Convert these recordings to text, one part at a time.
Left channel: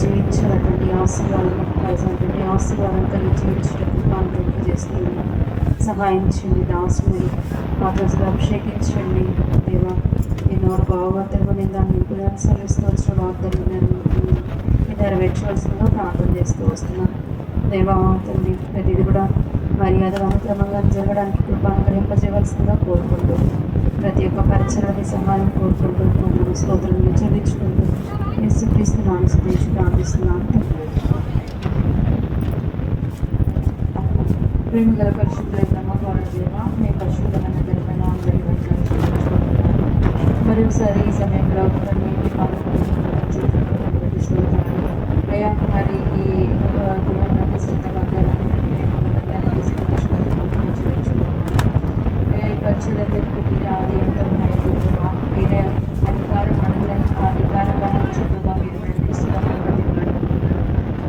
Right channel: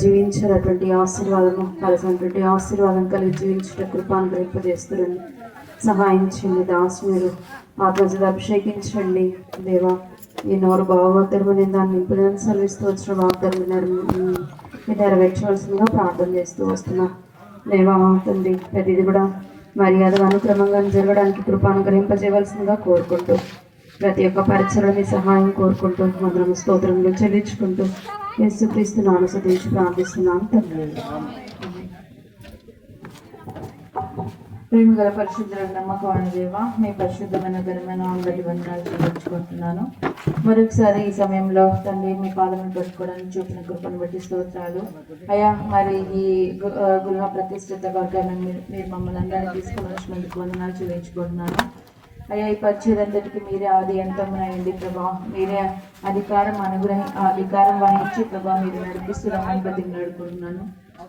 జీవించినటువంటి ఆశీర్వాదం కలిసినటువంటి ఆశీర్వాదం కలిగి జీవించిన కృపాను చేస్తున్నాను. సహాయించండి. దాసుని ఆ రోజులు అభిషేకించండి దేవా. ఈ నోరు భాగవతమని దాన్ని నింపుదని సర్విస్తూ వచ్చిన వాగ్దానం నెరవేర్చవలసిందిగా ప్రార్థన చేస్తూ వస్తున్నాను దేవా. తండ్రి ప్రతిది కూడా మర్యాద అనుక్రమంగా జరగడానికి కృపానుగ్రహింపజేయవలసిందిగా కోరుకుంటూ ప్రతి ఒక్క పరిచయని సహాయం కోరుకుంటూ మమ్మల్ని స్తోత్రం చెల్లించుకుంటూ యేసుక్రీస్తునామమున స్తుతించి ప్రార్థిస్తున్నాను. ప్రేమ గల పరిశుద్ధుల నమ్మకమైన దేవ, మీ పరిశుద్ధమైన ధర్మను అందరి వందనాలు చెల్లించుకుంటున్నాను. మరొకసారి ఈ సమయంలో మేము పాలన పెట్టుకోవడం చూసుకుంటున్నాను బట్టి స్తోత్రాలు అయ్యా. మరి ఈ గృహ ప్రతిష్ఠిత వర్గాలను మమ్మల్ని అందరినీ తీసుకుని చెల్లించుకుంటున్నాను అయ్యా. ఈ పరిచయందరికీ మీరే ఆది అంతమైంది ప్రభా. మీరే అధికారం అధికారం ఇచ్చే ప్రభా మీరు నడిపిస్తున్నామని బట్టి నడుపుతున్నాను.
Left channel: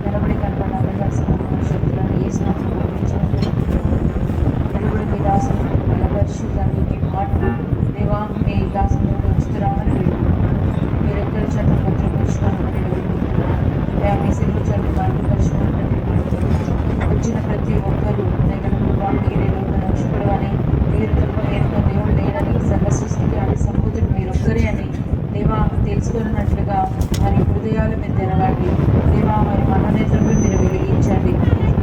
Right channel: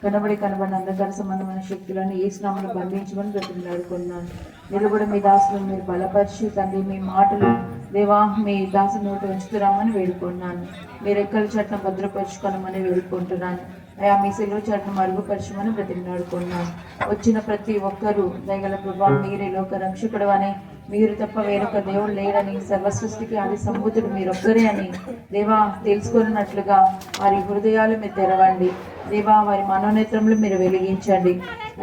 కనబడి కనబడిన ప్రజలకు సంబంధమైన శక్తులను ఏ స్నామం గ్రహించమని పెట్టుకున్నాను. మీరు కూడా మీ దాసుని మీరు బలపరిచి తండ్రి మీ మాటలు దేవా మీ దాసుని ఉంచుతున్నామని వేడుకుంటున్నాను. మీరు ఎక్కడ చట్టం భద్రపరచుకోవాలని వేడుకుంటున్నాను అయ్యా. మీ సెలవు చట్టం మరుగుపరచమని ప్రతిమాడుతున్నాను. వచ్చిన ప్రతి ఒక్కరూ తగిన ప్రభా మీరే లోక రక్షకుడు అని, మీరు తప్ప వేరొక దేవుడు లేడని, సర్వసృష్టికి అది సంబూతుడు మీరొక్కరే అని దేవా తెలుసుకున్నట్లుగా వారి హృదయాలు మీరు తెరవండి దేవా. వారి మనోనేత్రంలో మీరు వెలిగించండి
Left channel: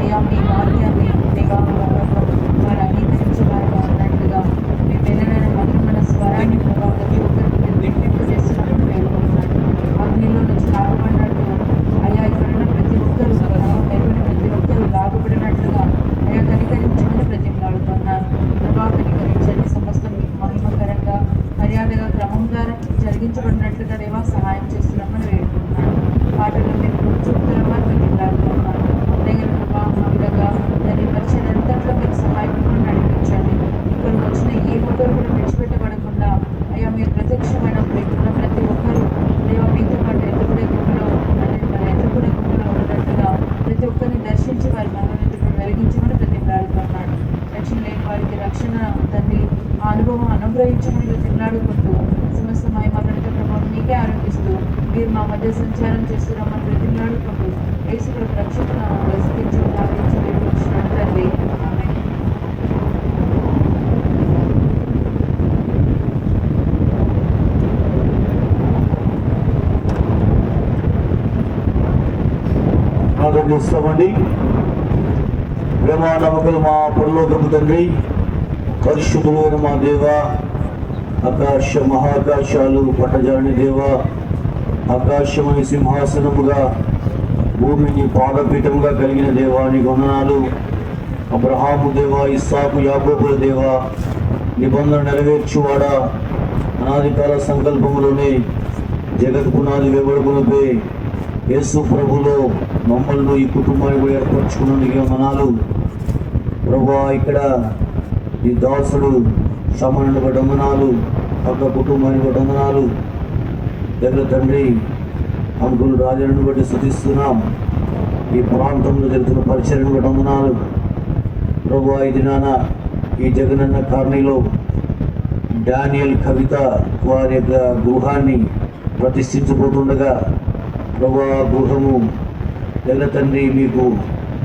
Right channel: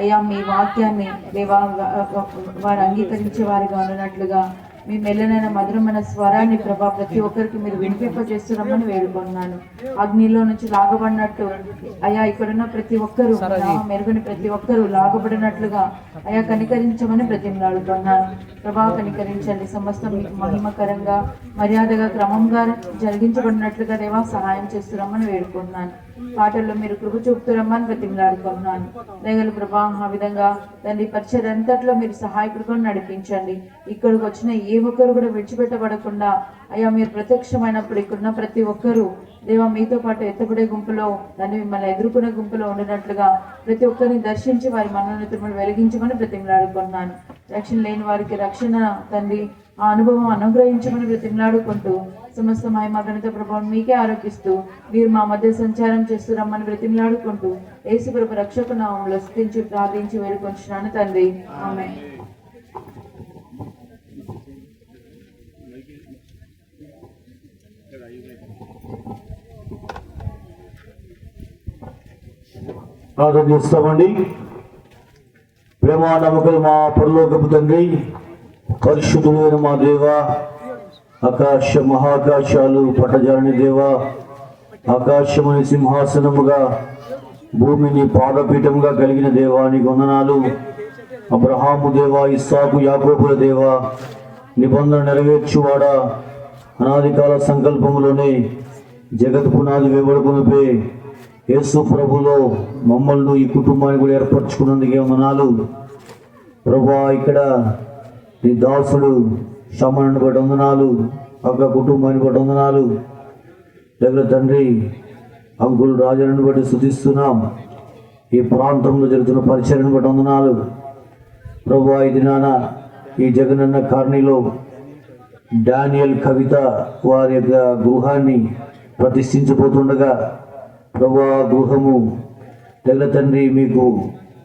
అయ్యా. మీ వాక్యాన్ని దేవా వారు అంగీకరించే వారు వారినట్లుగా మీ మెల్లనైన మధురమైన స్వరాన్ని ప్రభా ప్రతి ఒక్కరికి మీరు వినిపింపజేస్తున్నామని వేడుకుంటున్నాను. అగ్నిలో నుంచి లాగబడినట్టు అయ్యా ఇక్కడున్న ప్రతి ఒక్కరూ మెరుగుని ప్రతి ఒక్కరూ లాగబడినట్లుగా అయ్యా కనికరించమని ప్రతిమలాడుతున్నాను ప్రభా. కనికరించండి. సమస్తం మీకు మహిమకరంగా మర్యాదగా క్రమంగా జరిగించబడినట్లుగా దేవా సహాయం చేస్తున్నామని వేడుకుంటున్నాను. పాటల్లో మీరు కృప చూపుతున్నామని ప్రతిమలాడుతున్నాను దగ్గర ప్రభా. ఆ విధంగా దాన్ని పరిచయంతట్లో మీరు సహాయకులను నడిపించండి. ఇక్కడికి వచ్చిన ఏ ఒక్కరు కూడా విడిచిపెట్టబడకుండా అయ్యా మీరు ప్రత్యక్షమైనప్పుడు ఇక్కడున్న ప్రతి ఒక్కరూ దేవా మీతో పాటు ఎత్తుపడే గుంపులో అది మిమ్మల్ని ఎదుర్కొనే గుంపులో ఉండేటట్టుగా ప్రతి ఒక్కరిని దర్శించి వారి మనోనేత్రములను వెలిగించమని ప్రతిమలాడుతున్నాను. రక్షణ లేని వారికి రక్షణ తండ్రి ఆ అనుభవం అనుగ్రహించమని ప్రతిమలాడుకుంటూ సమస్త మహిమ ఘనత ప్రభావం మీకే ఆరోపిస్తూ మీరు మా మధ్య సంచారం చేస్తున్నామని ప్రతిమలాడుకుంటూ యేసు కృప రక్షకును స్తుతించి ప్రార్థించి వేడుకొచ్చున్నాను తండ్రి. ఆమేన్. ప్రార్థన చేస్తామండి. ప్రేమ నమ్మకం మా పరలోకపు తండ్రి, పరిశుద్ధులైన మా దేవ, ఆకాశ మహాకాశాలు పట్టజాని దేవ, ఆకాశమని సింహాసనముగా భూమిని పాదపీఠముగా కలిగిన దేవానికి వందనాలు. అబ్రహాము దేవ, ఇస్సాకు యాకోబుల దేవ, నిబంధన నెరవేర్చువాడా, అనాది కాల సంకల్పములోనే జగత్ పునాది వేబడుకునిపై యేసు ప్రభులో మమ్మల్ని ఈ కుటుంబాన్ని కూడా ఏర్పరచుకున్నందుకే వందనాలు ప్రభా. ఇక్కడ ఈ దాసుడు శ్రమను బట్టి వందనాలు, అక్కడ కుటుంబాన్ని బట్టి వందనాలు. దగ్గర తండ్రి అంకులు రాజులను బట్టి స్తుతిస్తున్నాం. ఈ ప్రాంతంలో జరుగుతున్న పరిచయను బట్టి వందనాలు ప్రభా. ఇది నాన్న ఈ జగనన్న కాలనీలో డానియల్ కవిత వారి యొక్క గృహాన్ని ప్రతిష్ఠించబోతుండగా ప్రభా గృహము తెల్ల తండ్రి మీకు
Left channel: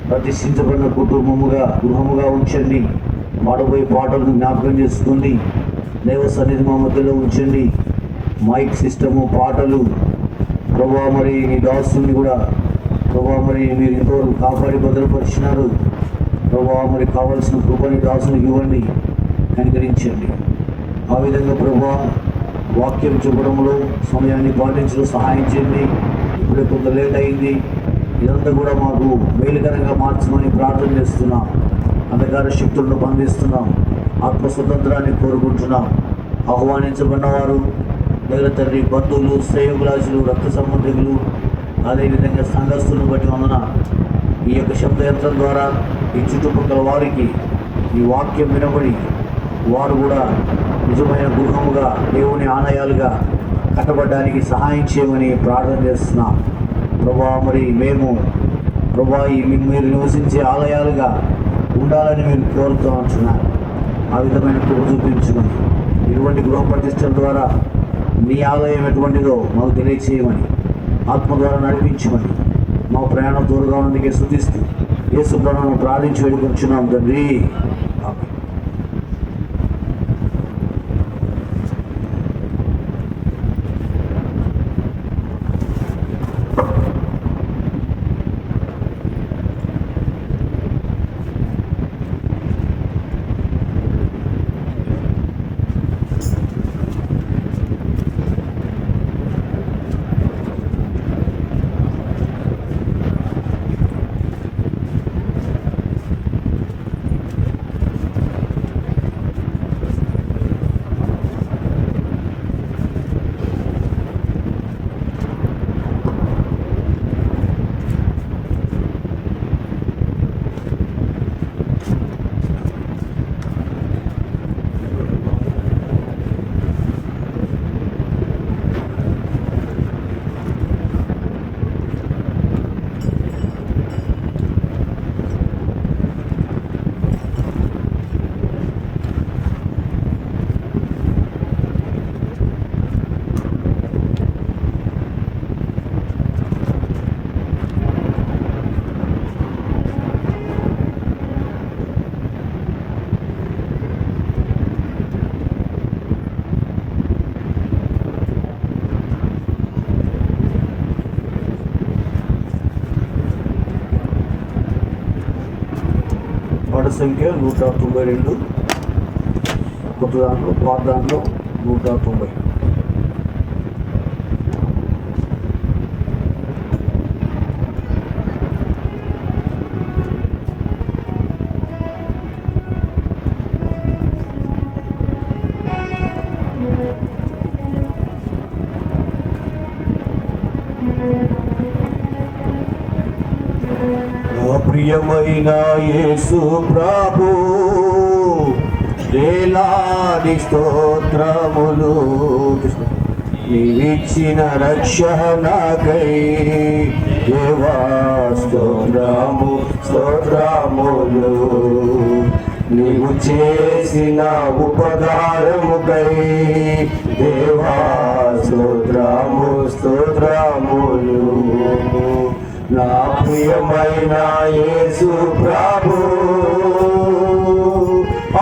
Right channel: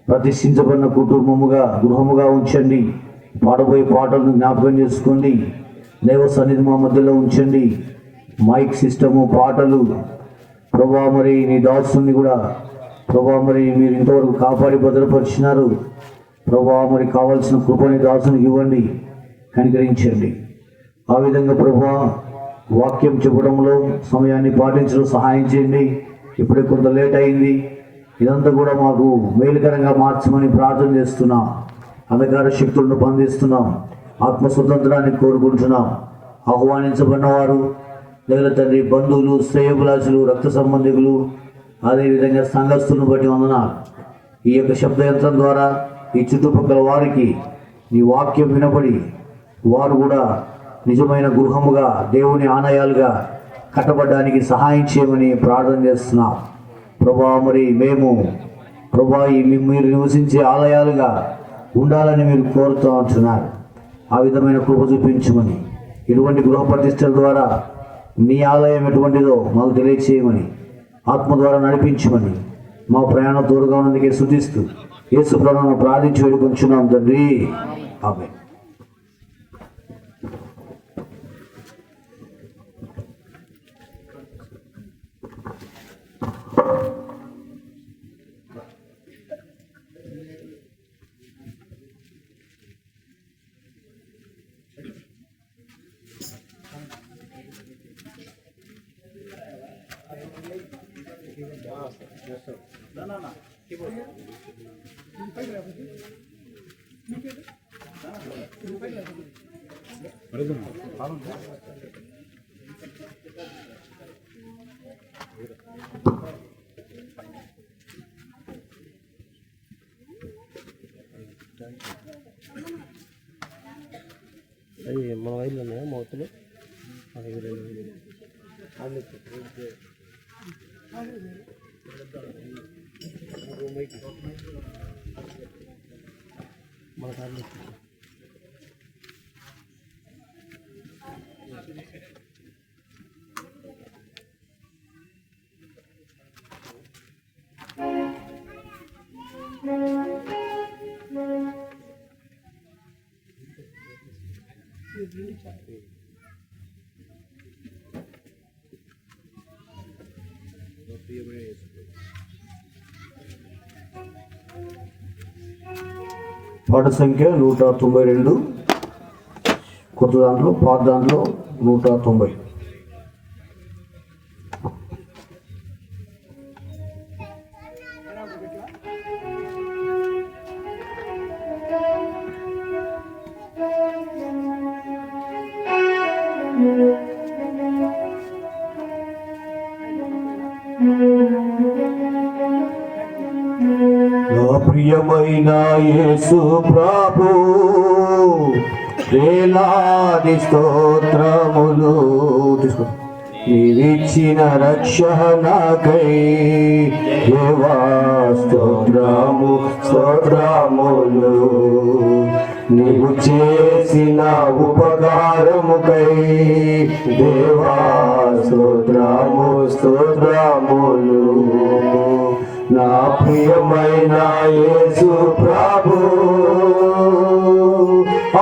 ప్రతిష్ఠించబడిన గృహముగా ఉంచండి. పాడబోయే పాటలను జ్ఞాపకం చేసుకోండి. దేవ సన్నిధి మా మధ్యలో ఉంచండి. మైక్ సిస్టము పాటలు ప్రభా మరి మీ దాసుని కూడా ప్రభా మరి మీరు ఇంతవరకు కాపాడి భద్రపరిచినారు ప్రభా. మరి కావాల్సిన కృపని దాసునికి ఇవ్వండి, కనికరించండి. ఆ విధంగా ప్రభా వాక్యం చెప్పడంలో సమయాన్ని పాటించడం సహాయం చేయండి. ఇప్పుడే కొంత లేట్ అయింది. ఇదంతా కూడా మాకు మేలుకరంగా మార్చమని ప్రార్థన చేస్తున్నాం. అంధకార శక్తులను బంధిస్తున్నాం. ఆత్మ స్వతంత్రాన్ని కోరుకుంటున్నాం. ఆహ్వానించబడిన వారు లేదా తండ్రి బంధువులు, శ్రేయోభిలాషులు, రక్త సంబంధికులు, అదేవిధంగా సంఘస్థులను బట్టి వందన ఈ యొక్క శబ్దయంత్రం ద్వారా ఈ చుట్టుపక్కల వారికి ఈ వాక్యం వినబడి వారు కూడా నిజమైన గృహముగా దేవుని ఆలయాలుగా కట్టబడడానికి సహాయం చేయమని ప్రార్థన చేస్తున్నాం ప్రభా. మరి మేము ప్రభా మీరు నివసించే ఆలయాలుగా ఉండాలని మీరు కోరుతూ ఉంటున్నారు. ఆ విధమైన కృప చూపించమని, ఇటువంటి గృహ ప్రతిష్టల ద్వారా మీ ఆలయం ఎటువంటిదో మాకు తెలియచేయమని ఆత్మ ద్వారా నడిపించమని మా ప్రయాణం దూరంగా ఉన్నందుకే స్తుతిస్తూ యేసు ప్రభువును ప్రార్థించి వేడుకొంచున్నాం తండ్రి. ఆమేన్. పాట సంఖ్య 192, కొత్త దాంట్లో పాత దాంట్లో 190. నా ప్రియమైన యేసు ప్రభు వేలాది స్తోత్రములు, నీవిచ్చిన రక్షణకై దేవా స్తోత్రము స్తోత్రములు, నీవు చేసిన ఉపకారముకై దేవా స్తోత్రము స్తోత్రములు. నా ప్రియమైన యేసు ప్రభు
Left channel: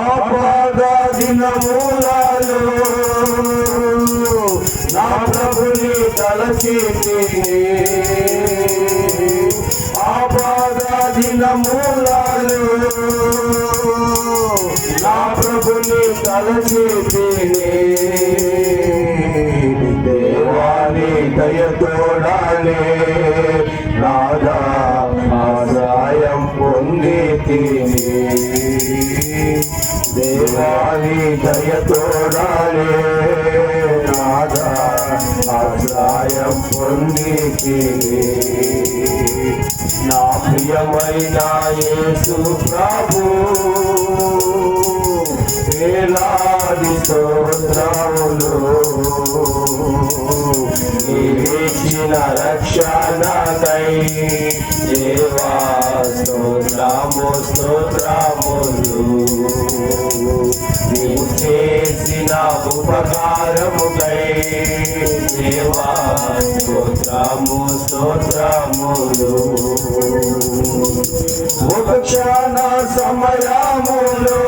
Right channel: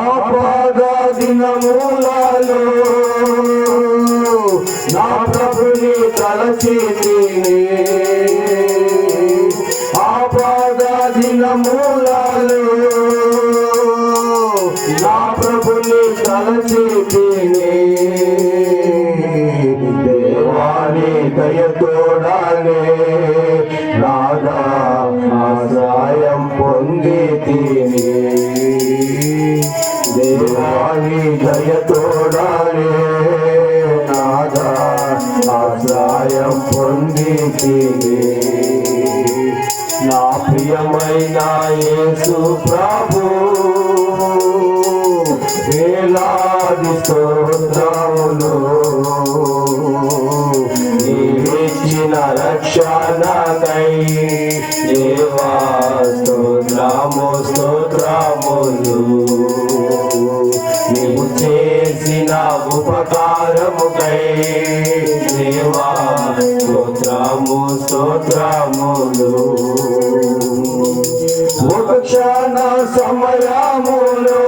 ఆపద దినములలో నా ప్రభుని తలచితిని, ఆపద దినములలో నా ప్రభుని తలచితిని, దేవాని దయతోడానే నాదా ఆశ్రయం పొందితిని, దేవాని దయతోడానే నాదా ఆశ్రయం పొందితిని. నా ప్రియమైన యేసు ప్రభు వేలాది స్తోత్రములు, నీవిచ్చిన రక్షణకై దేవా స్తోత్రము స్తోత్రములు, నీవు చేసిన ఉపకారముకై దేవా స్తోత్రము స్తోత్రములు. ఒక క్షణ సమయములో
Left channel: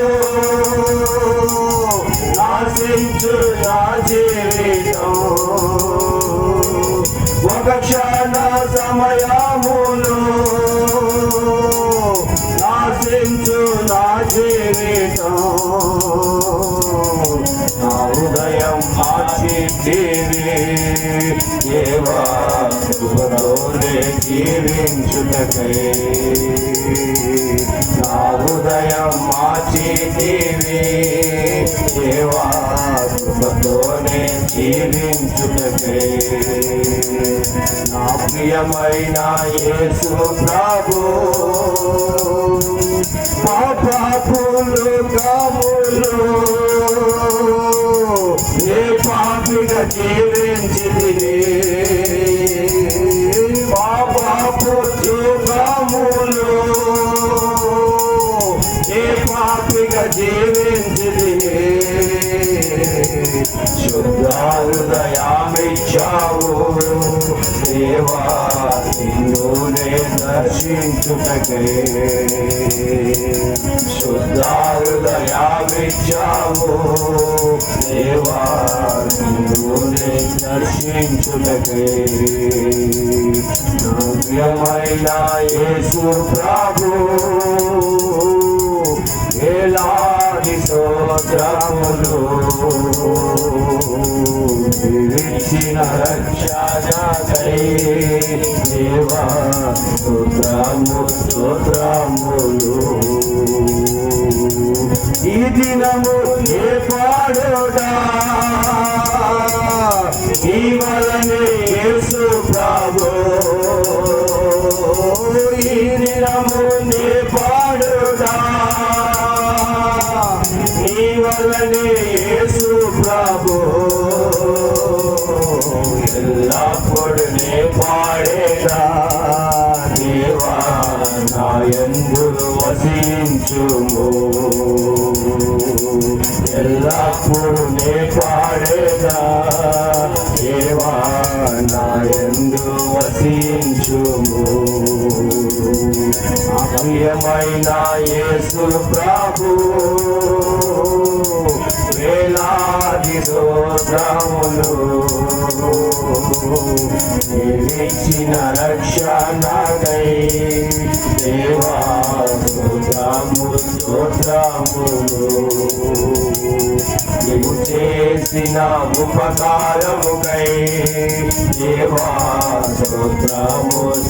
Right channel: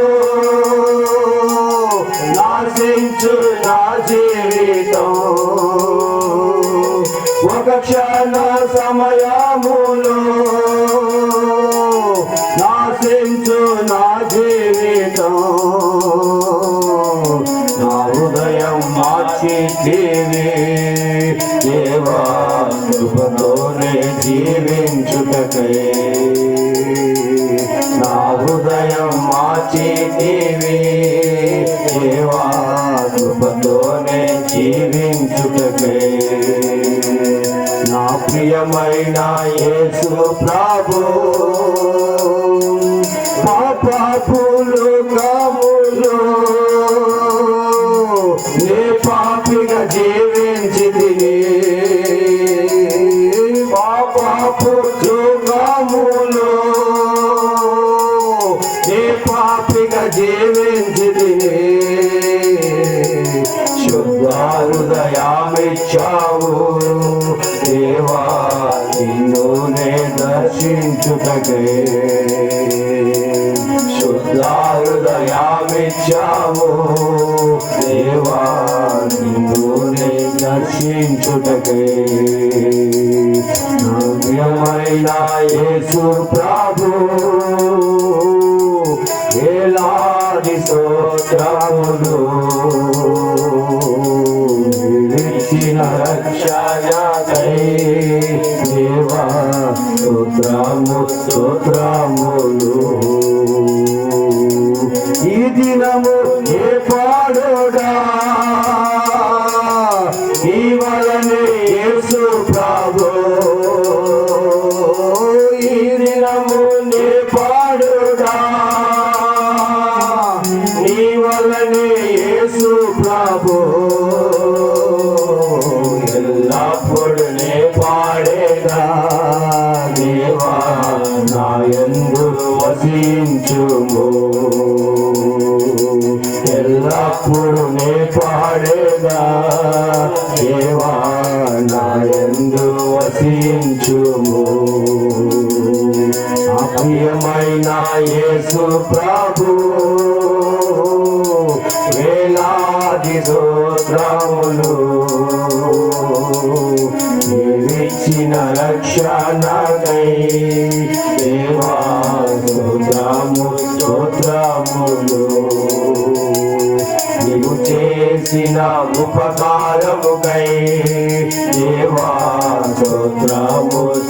నాశించు నా జీవితం, ఒక క్షణ సమయములో నాశించు నా జీవితం, నా హృదయం మార్చితివి దేవా కృపతోనే జీవించుటకై, నా హృదయం మార్చితివి దేవా కృపతోనే జీవించుటకై. నా ప్రియమైన యేసు ప్రభు పాపములు కాములు నే పాపిగా జీవించితిని, పాపపు కాములు నే పాపిగా జీవించితిని, శుద్ధ హృదయమిచ్చావు దేవా నిన్నునే దర్శించుటకే శుద్ధ హృదయమిచ్చావు దేవా నిన్నునే దర్శించుటకే నవ్యమైన యేసు ప్రభు వేలాది స్తోత్రములు ఇచ్చిన రక్షణకై దేవా స్తోత్రములు ఈ దినము నే పాడుడా నీ వలనే యేసు ప్రభు ఈ దినము నే పాడుడా నీ వలనే యేసు ప్రభు ఎల్లప్పుడు నే పాడేదా దేవా నా యందు వసించుము ఎల్లప్పుడు నే పాడేదా దేవా నా యందు వసించుము ప్రియమైన యేసు ప్రభు వేలాది స్తోత్రములు నీవిచ్చిన రక్షణకై దేవా స్తోత్రములు నీవు చేసిన ఉపకారముకై దేవా స్తోత్రములు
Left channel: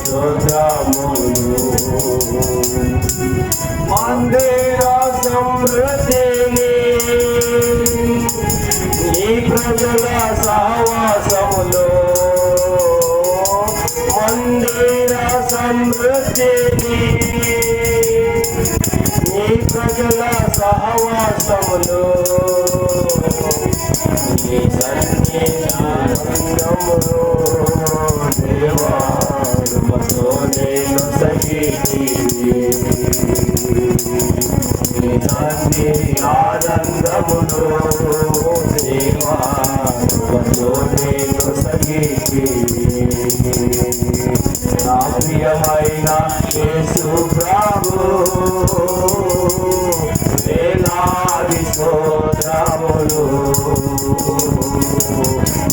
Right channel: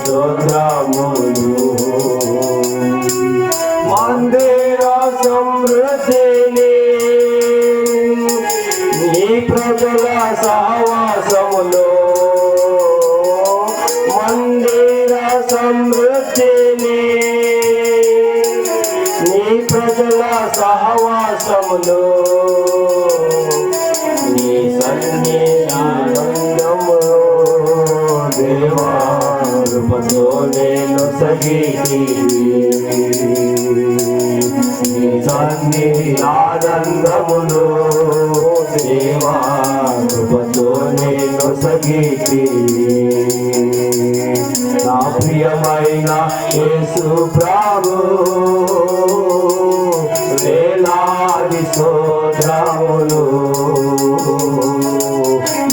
మందిర సమృద్ధిని నీ ప్రజల సహవాసములో మందిర సమృద్ధిని నీ ప్రజల సహవాసములో నీ సన్ని ఆనందము దేవా నేను సఖీ నీ సన్ని ఆనందములో దేవా నేను సఖీ నా ప్రియమైన యేసు ప్రభు వేలాది స్తోత్రములు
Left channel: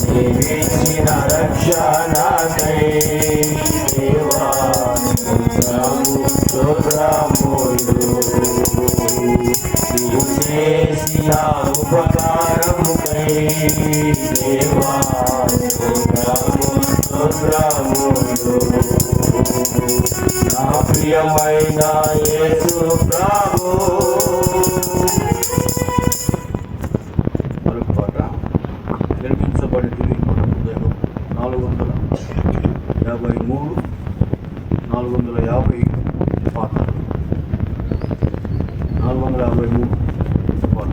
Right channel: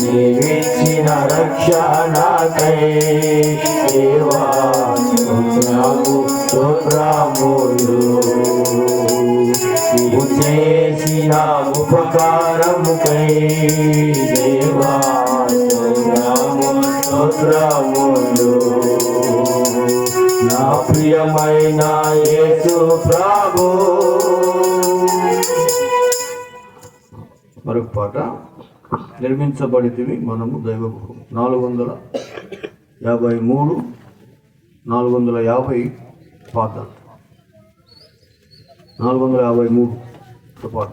నీవిచ్చిన రక్షణకై దేవా స్తోత్రములు నీవు చేసిన ఉపకారముకై దేవా స్తోత్రములు నా ప్రియమైన యేసు ప్రభు మరొక పాట నిర్మించబడితే మనము దైవం 453 450 పాట 453 పాట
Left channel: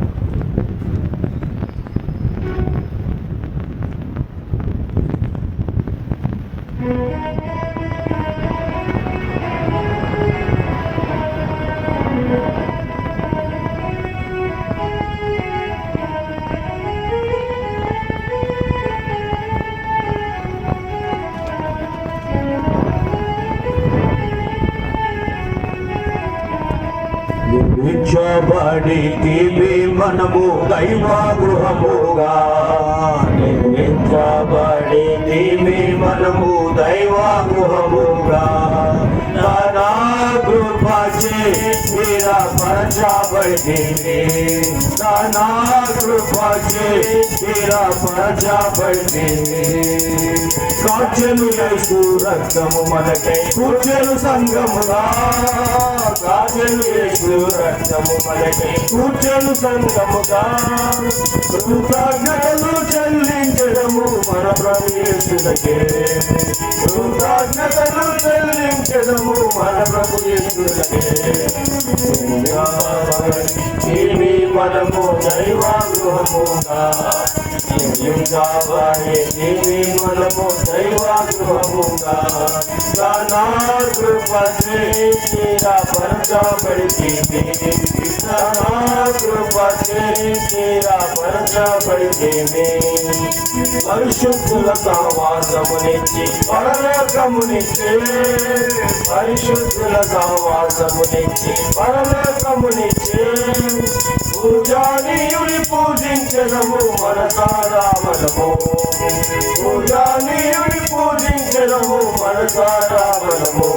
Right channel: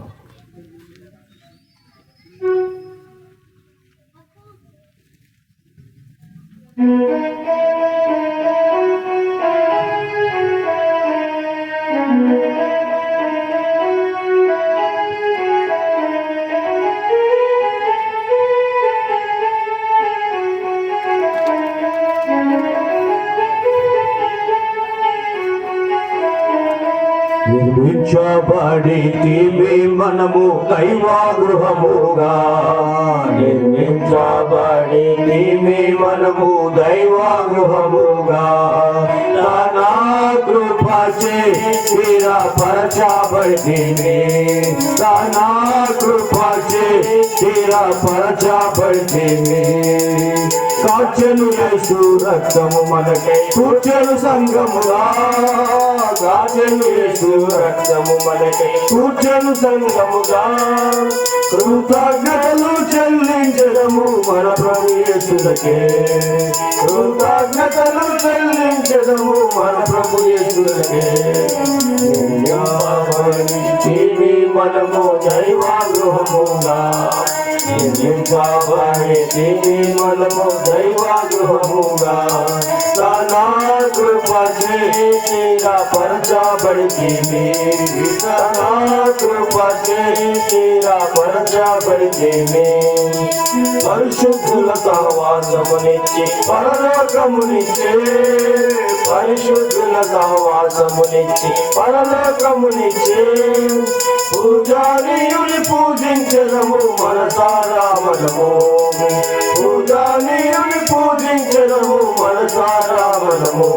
నిర్మించబడితివి మనము దైవగృహముగా నిర్మించబడితివి మనము దైవగృహముగా నా కృపచే స్థిరపరచబడితివి నా కృపచే స్థిరపరచబడితివి సాక్షులు యేసు రక్తము మనకై కూర్చెను సంగముగా సాక్షులు యేసు రక్తము మనకై కూర్చెను సంగముగా కృతజ్ఞతలు చెల్లించడము మన ప్రభు యేసులకే కృతజ్ఞతలు చెల్లించడము మన ప్రభు యేసులకే మనము దైవగృహముగా నిర్మించబడితివి మనము దైవగృహముగా కృప చేసి పరచబడితే నా కృప చేసి పరచబడితే పరిశుద్ధుల సహవాసమునిచ్చి పరలోకమునిచ్చే పరిశుద్ధుల సహవాసమునిచ్చి పరలోకమునిచ్చే పూజానీయుని పూజించడము మనసారా మనము పూజానీయుని పూజించడము మనసారా మనము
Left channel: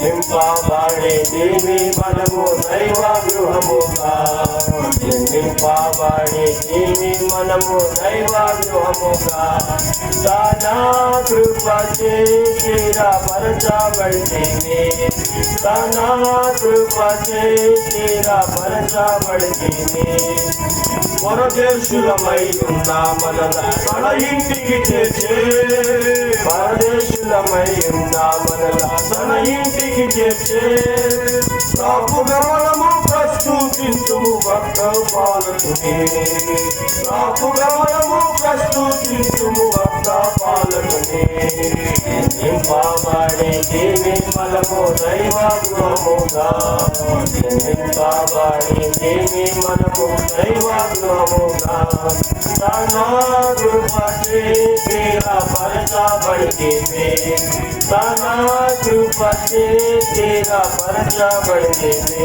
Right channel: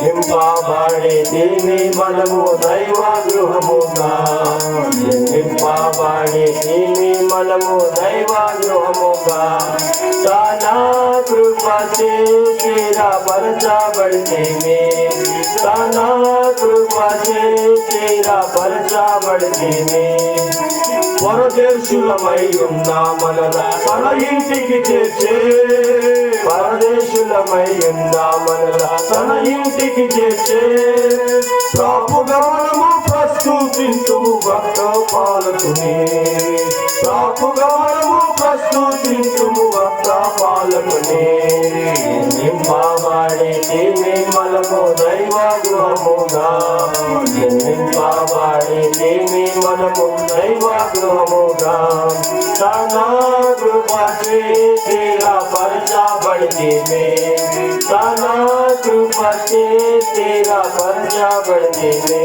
నింపబడే దేవి మనము దైవ గృహముగా నింపబడే దేవి మనము దైవ గృహముగా దానా కృప చేసి పరచబడితే దానా కృప చేసి పరచబడితే పరదేశులమై ఉన్నా మనల మన ఇంటికి చేర్చే పరదేశులమై ఉన్నా మనల తన ఇంటికి చేర్చే ప్రాపుగా మనము ప్రస్తుతింతుము భక్త పాలకుని ప్రాపుగా మనము ప్రస్తుతింతుము భక్త పాలకుని నింపబడే దేవి మనము దైవ గృహముగా నింపబడే దేవి మనము దైవ గృహముగా తన కృప చేసి పరచబడితే తన కృప చేసి పరచబడితే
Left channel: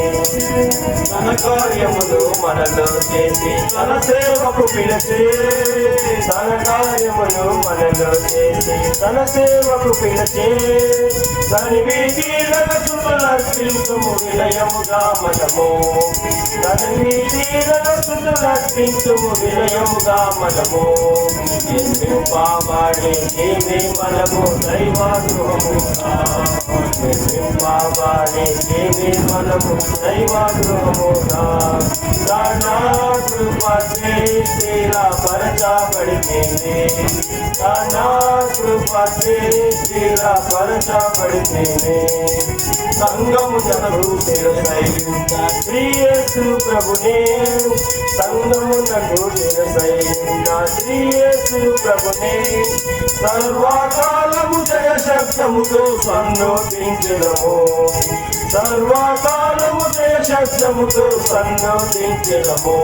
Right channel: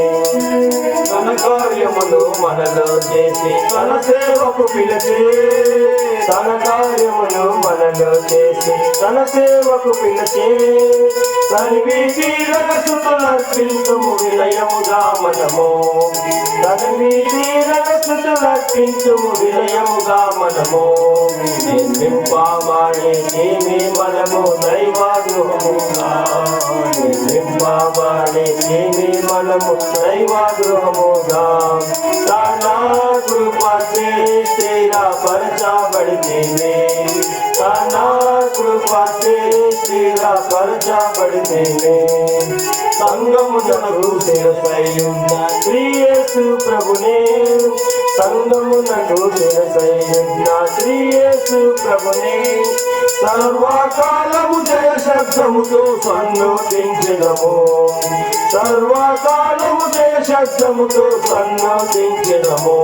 తన కార్యములు మనలో చేసి తన సేవకు పిలిచి తన కార్యములు మనలో చేసి తన సేవకు పిలిచి తని వీధీలకు చుట్టులర్పించుము విలయముగా మనము తని వీధీలకు చుట్టులర్పించుము విలయముగా మనము నింపబడే దేవి మనము దైవ గృహముగా నింపబడే దేవి మనము దైవ గృహముగా దానా కృప చేసి పరచబడితే దానా కృప చేసి పరచబడితే సంగమునకు శిరసయ్యున్న శ్రీ యేసు ప్రభునే సంగమునకు శిరసయ్యున్న శ్రీ యేసు ప్రభునే సర్వకాలము జయ శబ్దముతో సన్నోదించడము సర్వకాలము జయ శబ్దముతో సన్నోదించడము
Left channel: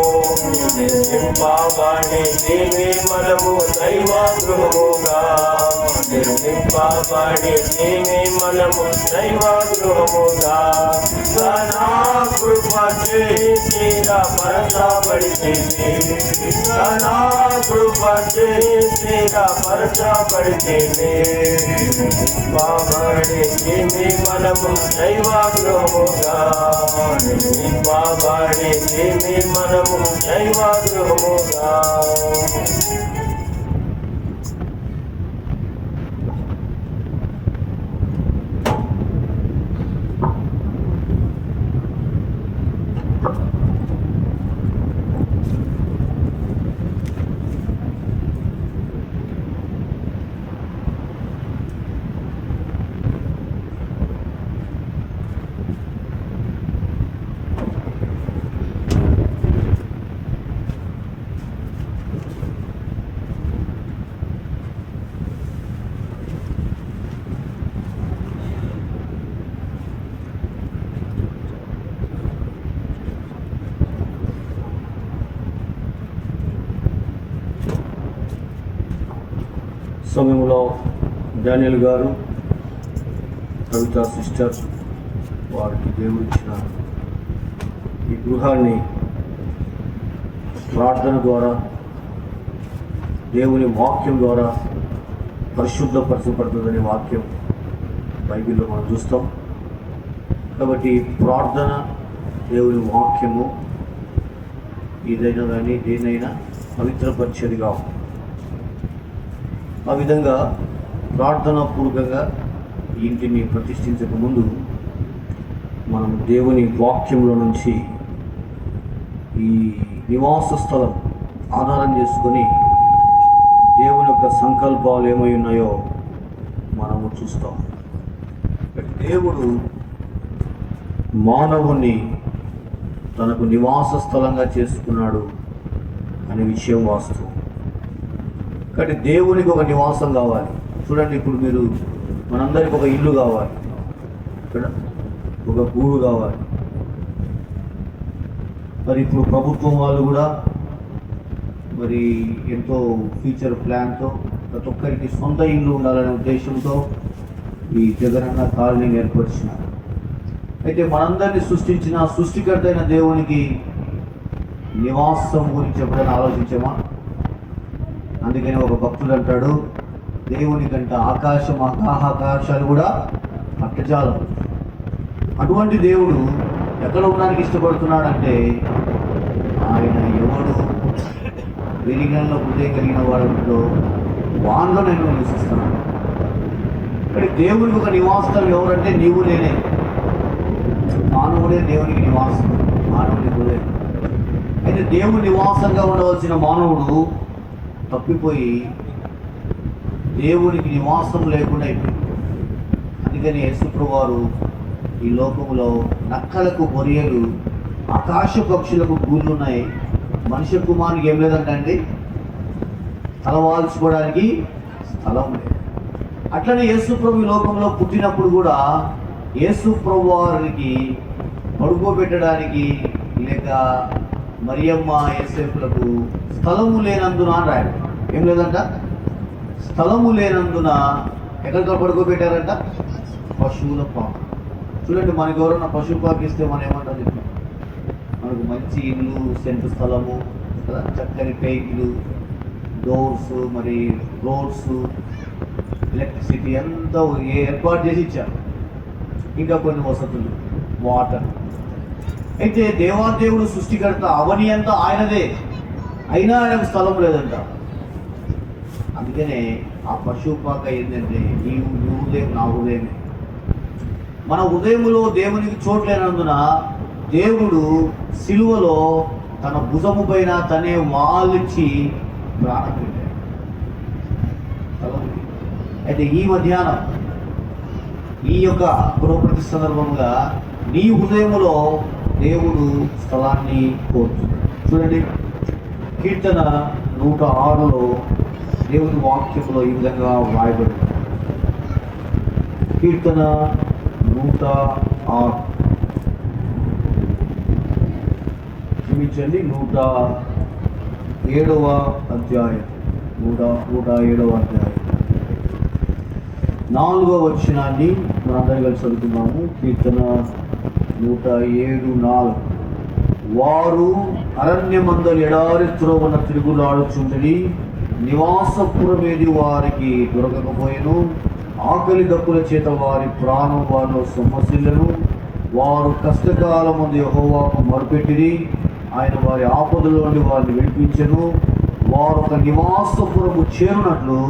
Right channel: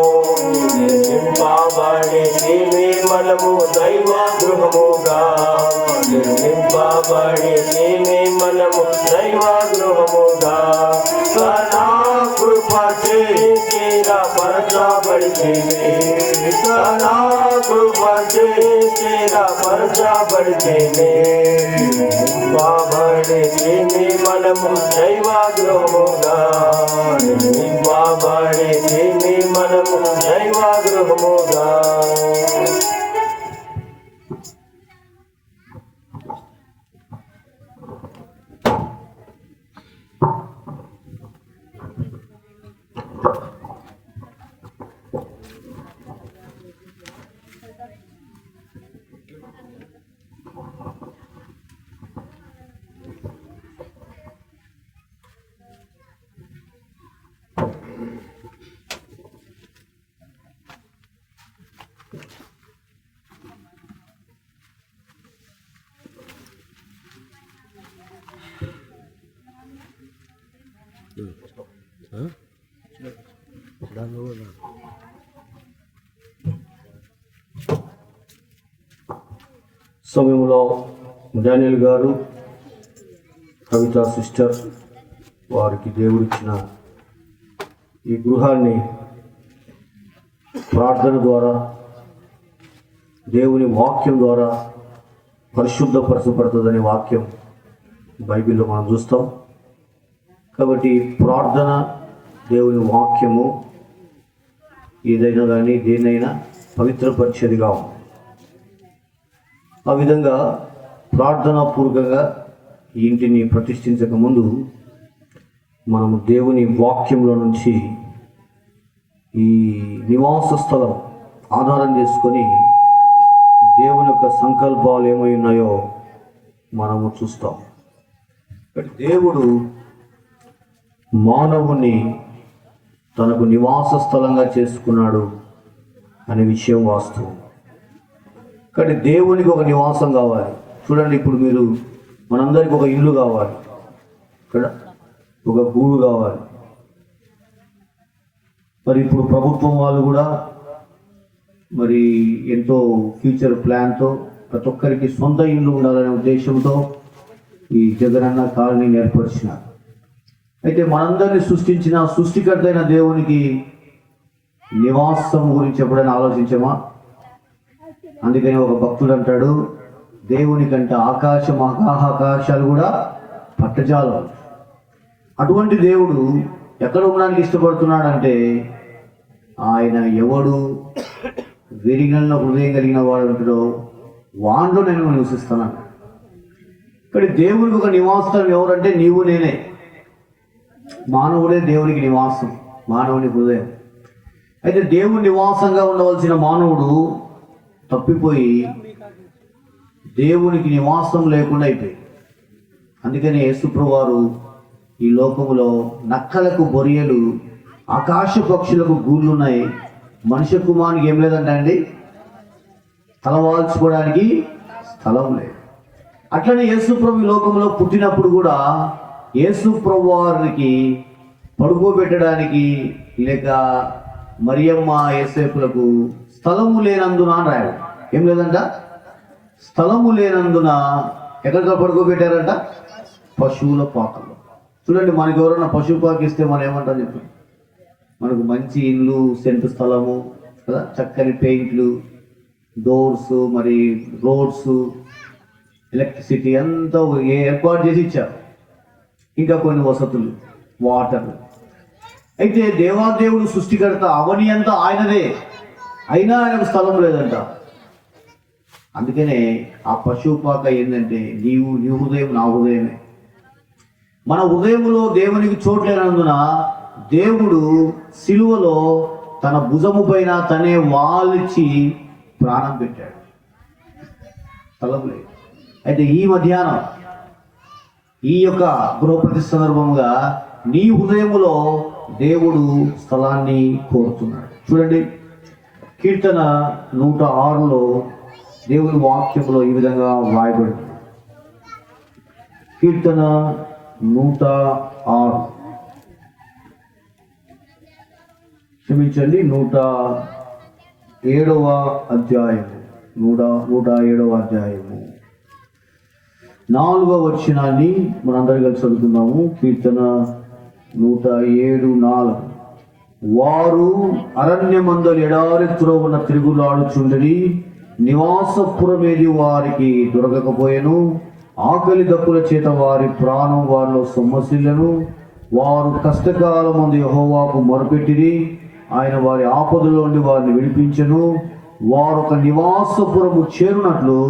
నింపబడే దేవి మనము దైవ గృహముగా నింపబడే దేవి మనము దైవ గృహముగా నా కృప చేసి పరచబడితే నా కృప చేసి పరచబడితే నింపబడే దేవి మనము దైవ గృహముగా నింపబడే దేవి మనము దైవ గృహముగా సమయంలో డానియల్ గారు కవితా సిస్టర్ వారికి దేవుడిచ్చిన ఈ గృహాన్ని ప్రార్థన ద్వారా దేవుని వాక్యం ద్వారా పరిశుద్ధపరచబడుతుందనే వాక్యం బైబిల్లో మనం చూస్తాం. కాబట్టి ప్రార్థన దేవుని వాక్యము ఏదైనా కానీ దేనైనా పవిత్రపరిచేదిగా ఉంది. ఆ విధంగా ప్రార్థనాపూర్వకంగా ఈ ఇంటిని ప్రతిష్ఠించక ముందు మనము దేవుని వాక్యంలో నుంచి ఈ నివాస స్థలం ఆధారం చేసుకొని దేవుని యొక్క సంకల్పాలు ఏమై ఉన్నాయో మనము చూస్తాం. దేవుడు మానవుని తనకు నివాస స్థలంగా చేసుకున్నాడు అనే విషయం వాస్తవం. కాబట్టి దేవునికి ఒక నివాసం కావాలి. చూడండి, ఇప్పుడు మీరు మనందరికి ఒక ఇల్లు కావాలి. ఇక్కడ ఒక గూడు కావాలి. మరి ఇప్పుడు ప్రభుత్వం వాళ్ళు కూడా మరి ఎంతో ఫ్యూచర్ ప్లాన్తో ప్రతి ఒక్కరికి సొంత ఇల్లు ఉండాలనే ఉద్దేశంతో ఈ జగనన్న కాలనీని ఏర్పరిచినారు. అయితే మనందరినీ సృష్టించిన సృష్టికర్త అయిన దేవునికి నివాసం గురించి ఎప్పుడైనా ఆలోచించామా? అందుకని ఒక భక్తుడు అంటాడు, దేవుని కంటే ఆకాశాలు కూడా పట్టజాలం. అటువంటి దేవుడు ఎక్కడ ఉండడానికి ఇష్టపడుతున్నాడంటే, ఆయన ఎవడు విరిగిన హృదయం కలిగిన వాడు ఉంటాడో వానిలో నేను నివసిస్తున్నాను. కానీ దేవునికి ఒక నివాసం ఎవరంటే నీవు నేనే. మానవుడే దేవునికి నివాసం, మానవుని హృదయం. అయితే దేవుని నివాసంగా ఉండవలసిన మానవుడు తప్పిపోయి దేవునికి నివాసం లేకుండా అయిపోయింది. అందుకని యేసుప్రభువు వారు ఈ లోకములో నక్కలకు బొరియలు, ఆకాశ పక్షులకు గూళ్ళు ఉన్నాయి, మనుష్య కుమారునికి ఏం లేదంట అండి, తలవాల్చుకోవడానికి స్థలం లేదు. అట్లనే యేసుప్రభు ఈ లోకంలో పుట్టినప్పుడు కూడా యేసుప్రభు వారికి పడుకోబెట్టడానికి లేక మరియమ్మ యేసేపులకు స్థలము లేనందున అని రాయాలి. ఏం లేదంట, స్థలము లేనందున ఎక్కడ పడుకోబెట్టారంట? పశువుల పాక. చూడండి, మనకి ఎవరన్నా పశువు పాక ఇస్తే మనం ఏమంటాం చెప్పి, మనకు మంచి ఇల్లు, సెంటు స్థలము కదా, చక్కని పెయింట్లు, డోర్స్, మరి రోడ్స్, ఎలక్ట్రిసిటీ అంతా ఏర్పాటు చేసి ఇచ్చారు. ఇంకా కొన్ని వసతులు, వాటర్. అయితే దేవాదేవుడు సృష్టికర్త, అవని అంతా ఆయనదే, అయినా ఆయనకు స్థలం లేదంట. అందుకనే ఆ పశువు పాక ఏంటంటే నీ హృదయం నా హృదయమే. మన హృదయంలో దేవునికి చోట్లేనందున దేవుడు సిలువలో తన భుజము పైన తనే వాల్చి ప్రాణం పెట్టాడు. స్థలం లేదు. అయితే ఈ మధ్యాహ్నం ఈ యొక్క గృహప్రతిష్ఠ సందర్భంగా నీ హృదయములో దేవుడు స్థలాన్ని కోరుతున్నాడు. చూడండి, కీర్తన 106లో దేవుని వాక్యంలో ఈ విధంగా వ్రాయబడి, కీర్తన 106 క్షమించండి 107వ అధ్యాయం 107వ అధ్యాయం 4వ వచనాన్ని మనందరం కలిసి చదువుతున్నాము. కీర్తన 107:4. వారు అరణ్యమందలి ఎడారి త్రోవన తిరుగులాడుచుండిరి, నివాసపురమేది వారికి దొరకకపోయెను, ఆకలి దప్పుల చేత వారి ప్రాణం వారిలో సొమ్మసిల్లను. వారు కష్టకాలమందు యెహోవాకు మొరపెట్టిరి, ఆయన వారి ఆపదలో నుండి వారిని విడిపించెను. వారు ఒక నివాసపురము చేరునట్లు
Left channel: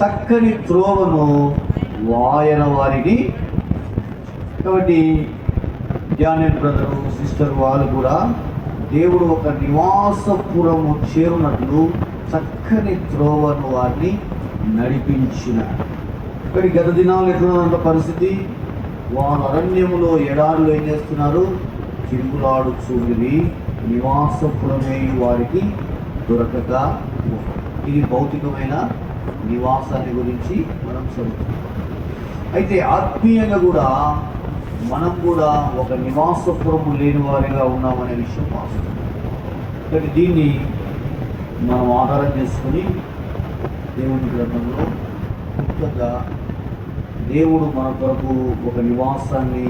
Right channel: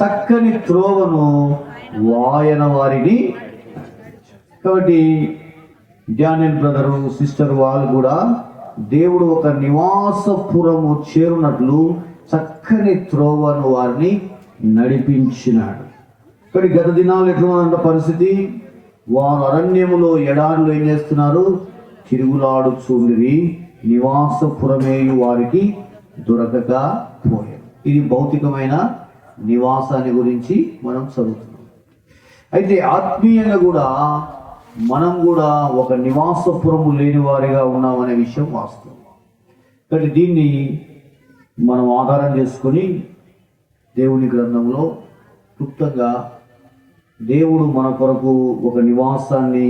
చక్కని త్రోవను వాయన వారిని. కాబట్టి డానియల్ బ్రదరు, సిస్టర్ వాళ్ళు కూడా దేవుడు ఒక నివాసపురము చేరునట్లు చక్కని త్రోవను వారిని నడిపించినాడు. కానీ గత దినాలు ఎట్లున్నదంట పరిస్థితి? వారు అరణ్యములో ఎడారులు ఏం చేస్తున్నారు? తిరుగులాడుచుండిరి, నివాసపురమే వారికి దొరకకపోయింది. ఇది భౌతికమైన నివాసాన్ని గురించి మనం చదువుతాం. అయితే ఆత్మీయంగా కూడా మనం కూడా ఒక నివాసపురము లేని వారిగా ఉన్నామనే విషయం వాస్తవం. కానీ దీన్ని మనం ఆధారం చేసుకొని దేవుని గ్రంథంలో క్లుప్తంగా దేవుడు మన కొరకు ఒక నివాసాన్ని,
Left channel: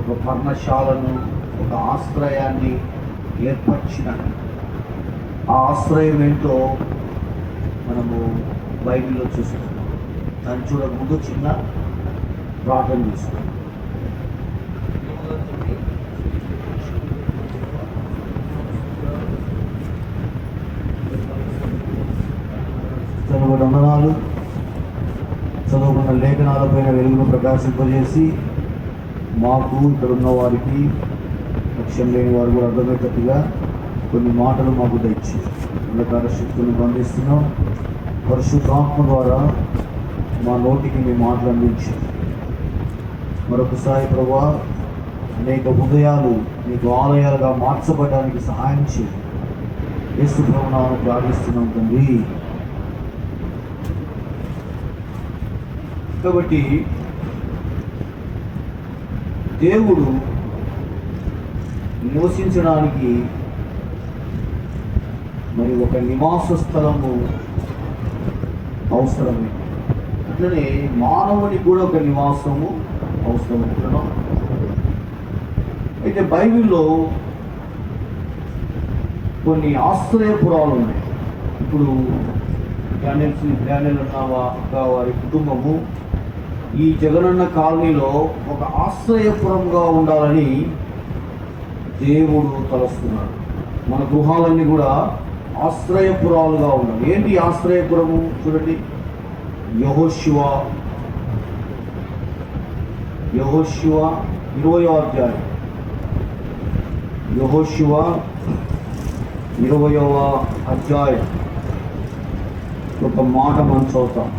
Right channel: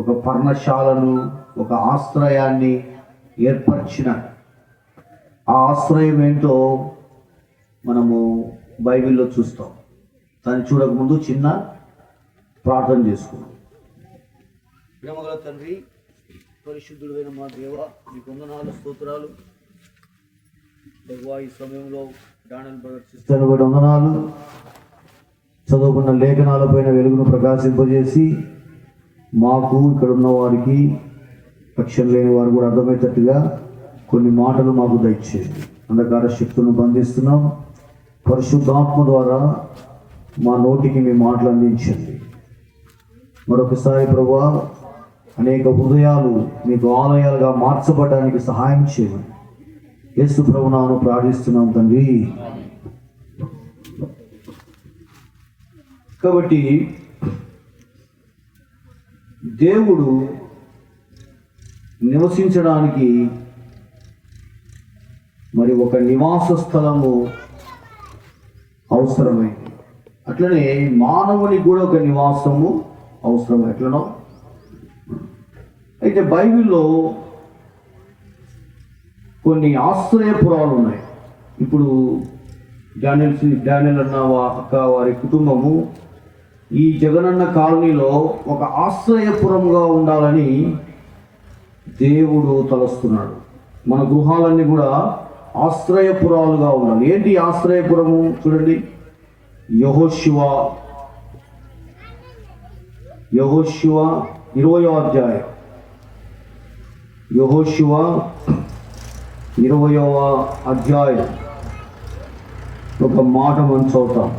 ఒక పర్ణశాలను, ఒక ఆశ్రయాన్ని ఏర్పరిచినాడు. ఆ ఆశ్రయం ఏంటో మనము బైబిల్లో చూస్తాం. దాన్ని చూడకముందు చిన్న ప్రార్థన చేసుకోండి. వందనాలు. చదువుకున్న లేఖనాలపైన వెలుగును ప్రకాశింపజేసి మాకు ఇక్కడ ఉన్న వారికి, లక్ష్యం లేని వారు కూడా అర్థమయ్యేటట్టుగా కొన్ని మాటలు మాకు దయచేసి అంధకార శక్తులను బంధిస్తున్నాం. పరిశుద్ధాత్మ ద్వారా మా నోటికి మీ మాటలు అందించండి. మరొకసారి ప్రభువా, అనేక హృదయాలు మీకు ఆలయాలుగా మార్చబడడానికి సహాయం చేయండి. యేసు ప్రభువును ప్రార్థిస్తున్నాం తండ్రి. కాబట్టి దేవుడు నివసించడానికి మరి ఒక నివాస స్థలము అవసరమే. అట్లనే మానవునికి కూడా ఒక నివాసము అవసరం. ఎట్లనో అయితే బైబిల్లో కొన్ని ఆశ్రయపురాలు ఉన్నాయి. ఇప్పుడు డానియల్ అన్న అక్క వారి కుటుంబము ఈ జగనన్న కాలనీలో ఒక ఆశ్రయపురంగా ఉండాలని దేవుడు తలస్తున్నాడు. మన గృహాలన్నీ కూడా ఆశ్రయపురాలుగా ఉండాలి. ఏంటి ఆశ్రయపురము? చూడండి, యెహోషువ 20వ అధ్యాయం, యెహోషువ 20వ అధ్యాయం ఒక మాట మనం చదువుతాం.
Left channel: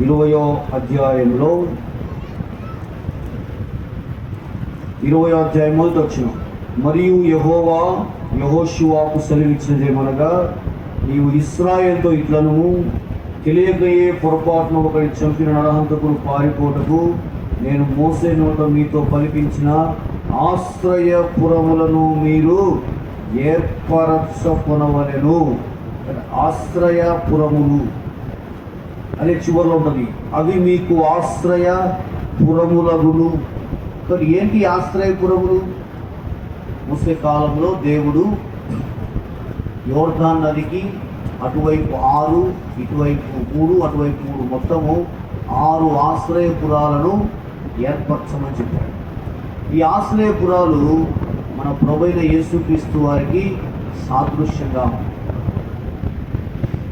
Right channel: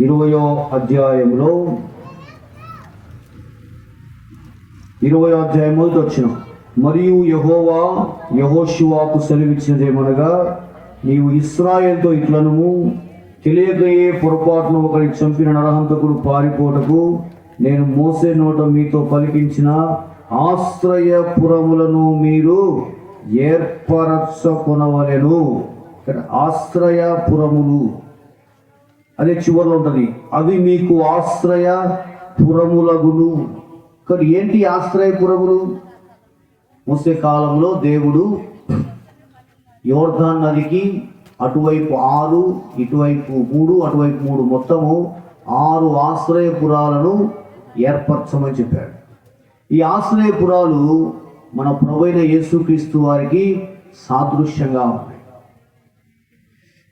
20వ అధ్యాయంలో 20వ అధ్యాయం మొదటి వచనం, మరియు యెహోవా యెహోషువకు సెలవిచ్చినదేమనగా, నీవు ఇశ్రాయేలుతో ఇట్లను తెలియకయే పొరపాటును ఒకరిని చంపిన నరహంతకుడు పారిపోటకు నేను మోసే నోట మీతో పలికించిన ఆశ్రయపురములను మీరు ఏర్పరచుకొనవలెను. ఆశ్రయపురములు అనే చివరిలో ఉంటుంది, అవి మీకు ఆశ్రయపురములగును. కానీ ఏంటి ఆశ్రయపురములు? మోసే కాలంలో దేవుడు యోర్దాన్ నదికి అటువైపు 6, ఇటువైపు 3, అటువైపు 3, మొత్తము 6 ఆశ్రయపురాలను ఏర్పరచమని చెప్పాడు. ఈ ఆశ్రయపురాలు మన ప్రభువైన యేసుక్రీస్తు వారికి సాదృశ్యంగా ఉంది.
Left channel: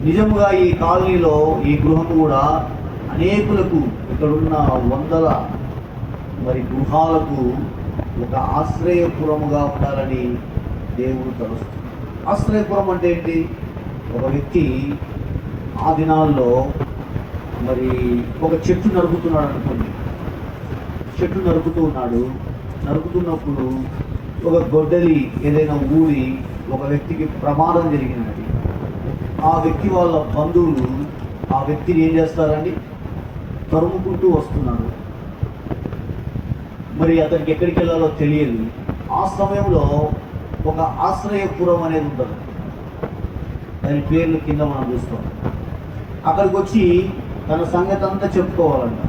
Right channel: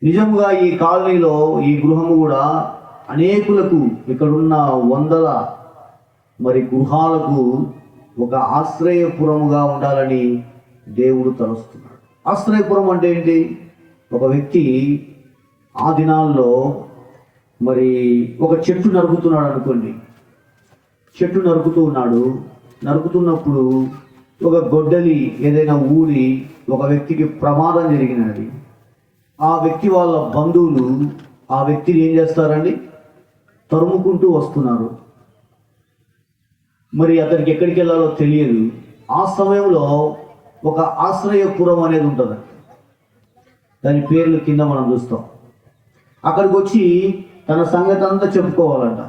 నిజంగా ఈ కాలనీలో ఈ గృహము కూడా అనేకులకు, ఇక్కడున్న 100 మరి గృహాలకు ఒక ఆశ్రయపురముగా ఉండాలని దేవుడు తలుస్తుంది. ఆశ్రయపురం అంటే ఏంటి? ఒక వ్యక్తి ఆ దినాల్లో మరి ఒక చెట్టు నరుకుతున్నాడు అనుకోండి. చెట్టు నరుకుతున్నప్పుడు ఒక గొడ్డలి ఏదైనా ఊరి ఒక వ్యక్తికి ప్రమాదం జరిగినది. ఆ వ్యక్తి వాళ్ళ బంధువులు ఆ వ్యక్తిని ఏం చేస్తారండి? తరుముకుంటూ వస్తున్నారు. మరి అతనికి ఎక్కడికి వెళ్ళాలో తెలియదు. ఆ సమయంలో ఒక ఆశ్రయపురం అనేది ఉంటుంది. దాని పేర్లు కింద మనం చూస్తాం. అక్కడికి వచ్చి తన సంగతి అంతా చెప్పుకోవాలంట.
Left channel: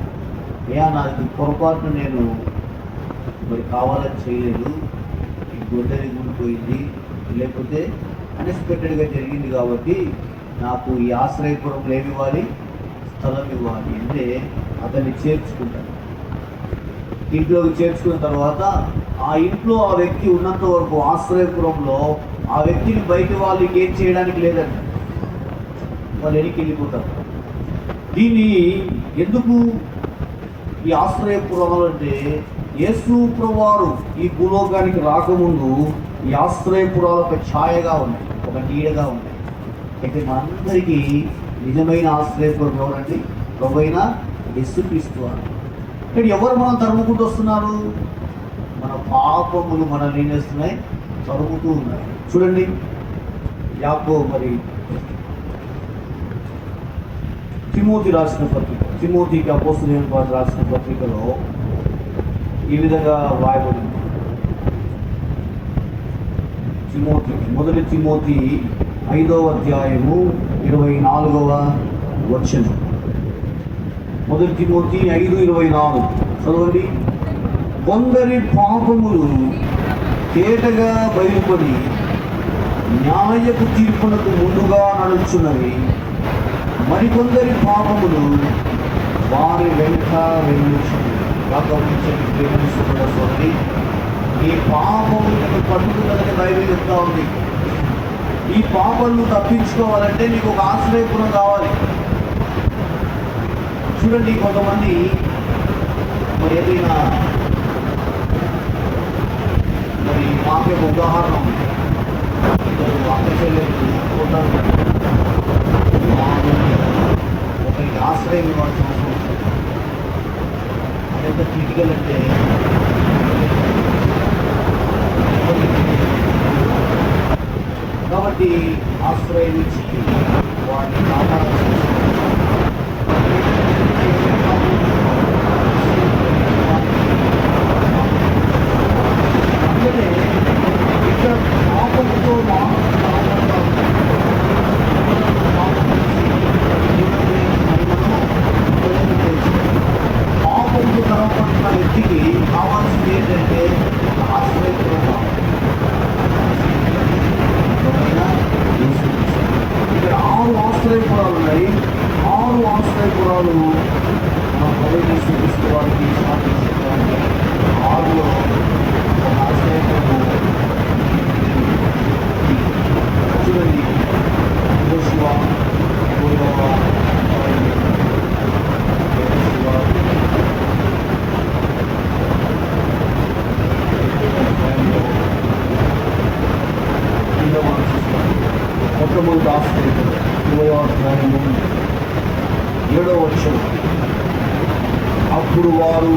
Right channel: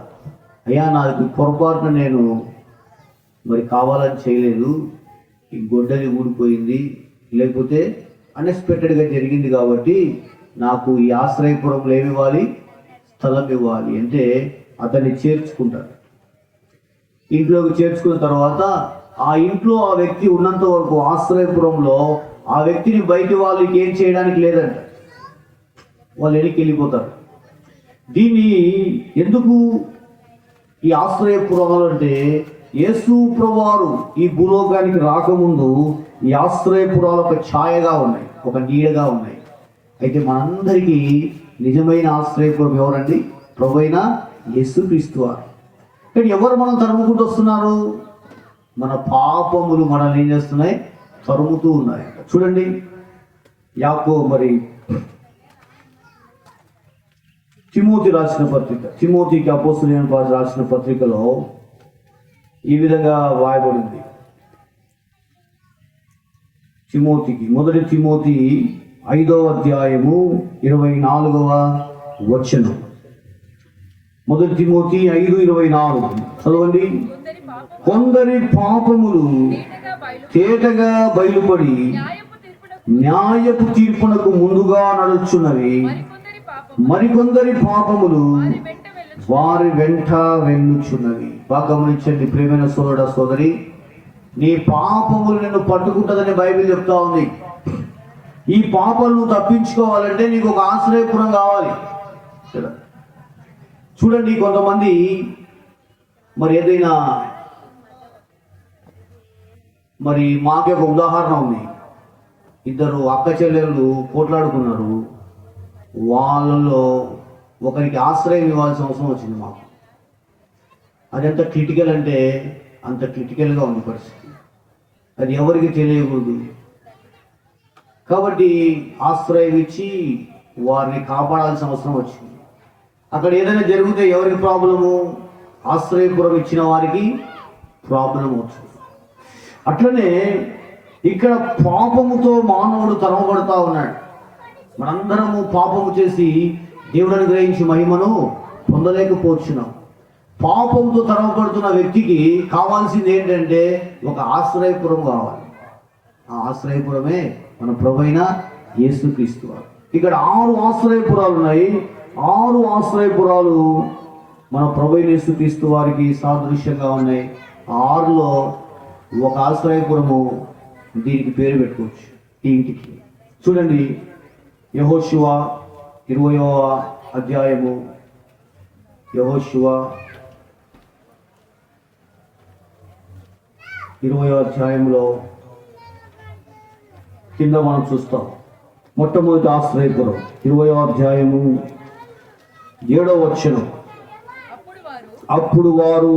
నాది పొరపాటున నేను మరి కావాలని చేయలేదు, ఈ గొడ్డలి ఊడిపోయింది, లేకపోతే అన్ఎక్స్పెక్టెడ్గా జరిగింది, కాబట్టి నాకు ఈ ఆశ్రయపురంలో ఏమి ఇవ్వాలి? స్థలం ఇవ్వాలి అంటే అతన్ని చేర్చుకుంటారు. ఇంట్లోకి చేర్చుకున్న తర్వాత ఆ ఇంట్లో ఆ వ్యక్తి ఉన్నంత వరకు ఆశ్రయపురంలో ఆ వ్యక్తిని బయట వాళ్ళు ఇంకేం చేయడానికి లేదంట. వాళ్ళు వెనక్కి వెళ్ళిపోతారు. దీన్ని ఎందుకు ఈ ఆశ్రయపురాలు అంటే, యేసు ప్రభువారు ఈ భూలోకానికి రాకముందు ఈ ఆశ్రయపురాలు ఒక ఛాయగా ఉన్నాయి, ఒక నీడగా ఉన్నాయి. అయితే మనందరికీ నిజమైన ఆశ్రయపురం ఎవరండి? ప్రభువైన యేసుక్రీస్తు వారు. కానీ ఎవరు మనం తరుముకుంటూ వస్తున్నారు? మన పాపములు మనల్ని ఏం చేస్తున్నాయి? తరుముతూ ఉన్నాయి. చూడండి, మరి తిమోతి రాసిన పత్రిక, తిమోతికి అపోస్తలుడైన పౌలు రాసిన పత్రికలో ఈ విధంగా రాయబడింది. మొదటి తిమోతి 5వ అధ్యాయము 24వ వచనం. మొదటి తిమోతి 5:24 చదవండి. కొందరి పాపములు తేటగా బయలుపడి న్యాయపు తీర్పునకు ముందుగా నడుచున్నవి, మరికొందరి పాపములు వారి వెంట వెళ్ళుచున్నవి. గమనించండి ప్రియమైన సోదరి, ఈ పాపములను పట్టుకుంటుందని బైబిల్ చెప్తా ఉంది. ఈ పాపలను తప్పించుకోవాలంటే నీకు ఒక ఆశ్రయపురం కావాలి. చూడండి, కొంతమంది మరి ఏదైనా మరి మాకే ఒక ఉదాహరణ ఉంది. ఇద్దరు అక్క చెల్లెలు పోట్లాడుకున్నారు. వాళ్ళలో ఒకరికి ఆశ్రయం ఇవ్వాల్సిన అవసరం వస్తుంది. అదంతా క్రిటికల్ అంటే ఇంత క్రిటికల్గా ఉంటుంది, మరి ఎవరికి తెలియలేదు. కాబట్టి ఆశ్రయం ఇచ్చి వారిని కాపాడాల్సిన అవసరం ఉంది. అక్కడ ఏదైనా జరిగితే ఎవరి ప్రాబ్లము? ఆశ్రయపురం ఇచ్చిన వారికి ప్రాబ్లం. అట్లనే ఇక్కడ పాపముతో మానవులు తరబడతా ఉన్నాయి. అందరూ పాపం చేసి దేవుని గ్రహించి మహిమను పొందలేకపోతున్నారు. పాపంతో తరబడుతున్న వ్యక్తికి కావాల్సింది ఏంటంటే ఒక ఆశ్రయపురం కావాలి. ఆశ్రయపురమే మన ప్రభువైన యేసుక్రీస్తు. ఇక్కడ 6 ఆశ్రయపురాలు ఉన్నాయి. 6 ఆశ్రయపురాలు మన ప్రభువైన యేసుక్రీస్తు వారికి సాదృశ్యంగా ఉంది. 6లో ఒక ఆశ్రయపురము దీనికి పేరు చూడండి. యెహోషువ 20వ అధ్యాయము. యెహోషువ 20వ అధ్యాయంలో కింద మనం చూస్తాం. మొట్టమొదటి ఆశ్రయపురం 20వ అధ్యాయము 7వ వచనం. అప్పుడు వారు